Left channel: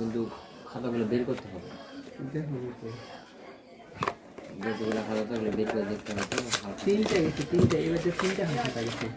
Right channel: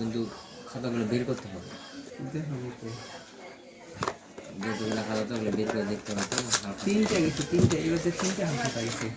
কিন্তু খাতাগুলো বের করতে হবে। যেগুলো খাতা থাকলে বের করে দেখতে হবে। তিনটা গেছে, তিনটা এগুলোতে তিনটা খাতা গেছে।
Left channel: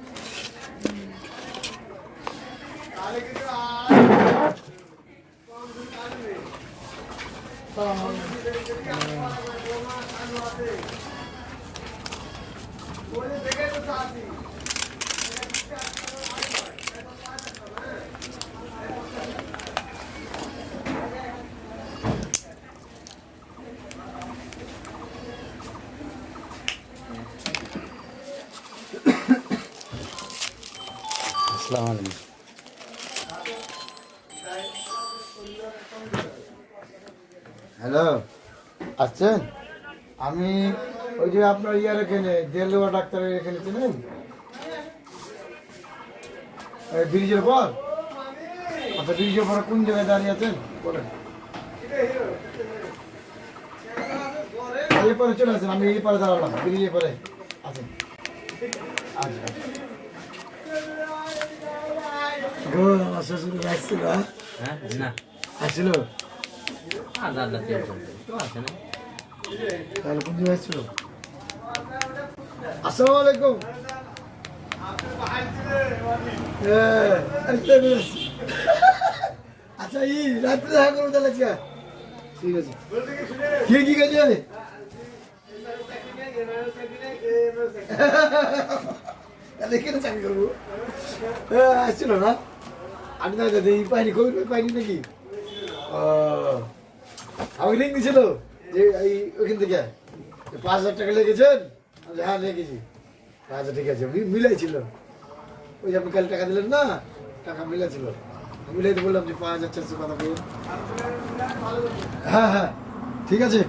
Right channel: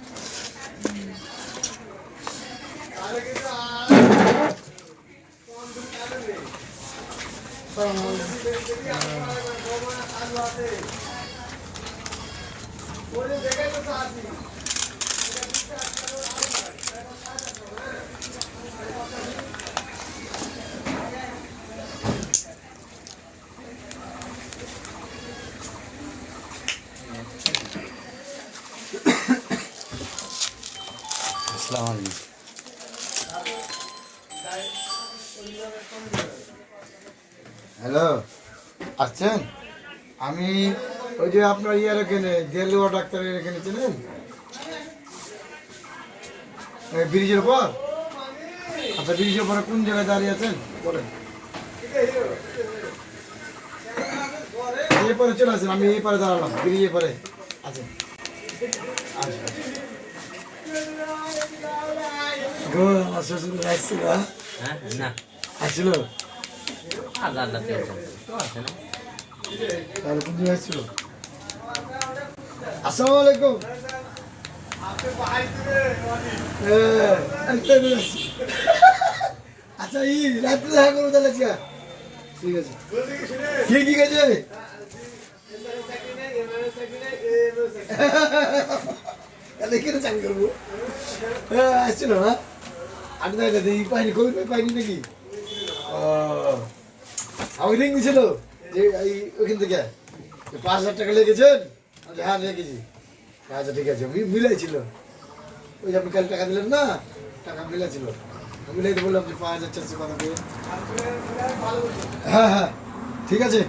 হ্যালো, আছেন? আমি ওই যে আপনার ইয়ার এখানে দেলোয়া ডাক্তারের এখানে চেনেন, ব্রিজের পর। আচ্ছা, ব্রিজের পরে কোন জায়গায় দাঁড়িয়ে আছেন বলেন। এই পরে চলে আসেন, আমি এই পারে দাঁড়ালাম, ব্রিজের পরে আছেন। আচ্ছা, শ্বশুর আসছিল? হ্যাঁ না আসছিল, তাহলে কোন জায়গায় আসছিল? আসসালামু আলাইকুম। আচ্ছা, এই রাত্রে দেখা করবো তাহলে। ঠিক আছে, ঠিক আছে। কেন চাকরি করবো? আসছিল না? আমি না এই পাইনি, খবর পাইনি নাকি? ও, আমাকে লিঙ্ক দিছিল যে ওইখান থেকে 5,000 টাকা লেগেছেন। হ্যাঁ লেগেছি। আচ্ছা ঠিক আছে, মিলাইছিল। ওই যে আপনি কাল টাকা দিলেন না, টাকা মিলাইছিল। মিলাইতে বললাম যে 5,400 কথা বলুন। হ্যাঁ হ্যাঁ ঠিক আছে,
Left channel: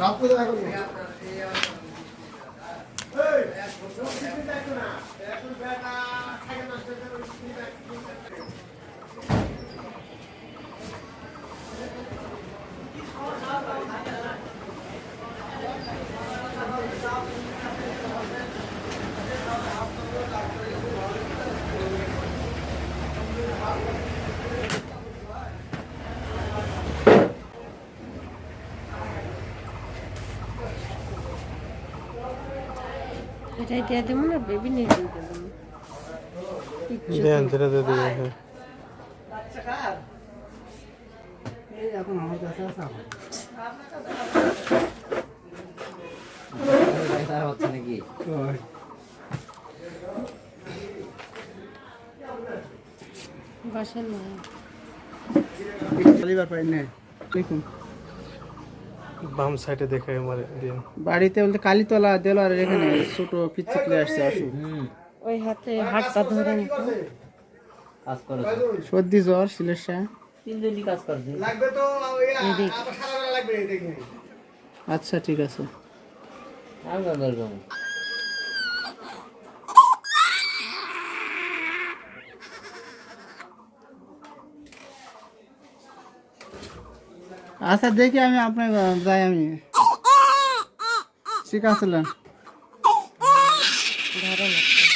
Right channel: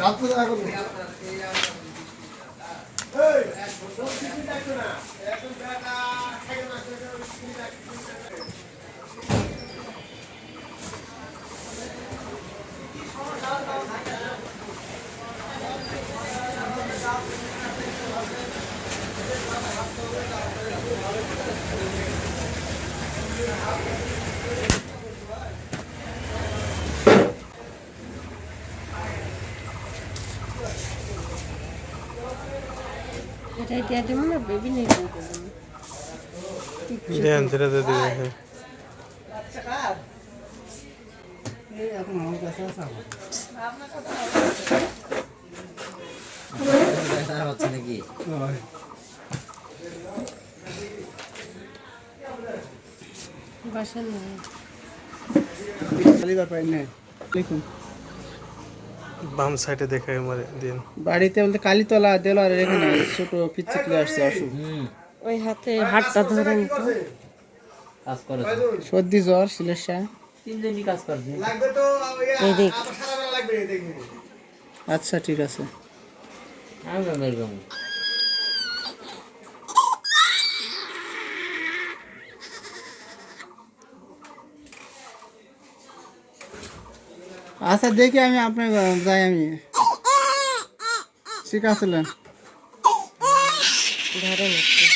রাত্রে দেখা করবো। এটাই দিয়ে দেবো না, বেবি নেই দিয়ে দেবো। এখন আমার কাছে আছে হচ্ছে নাকি? বাসা নয় বাম সাইডে দেখে মারে দিন। বাড়িতে বলতে কালীতলা দেলোয়ারের এখানে ছোট পিচ্চিকলে আসছে অসুখ। ওই হাতটা ধরে নিত। কাজ করে সর্দি জ্বর সিলেসা। তিনজনই কাজ করছে। এদিক আচ্ছা ঠিক আছে। আচ্ছা দেখি আমি আপনার যাই, আমি ঠিক আছে। ধরে নিচ্ছি।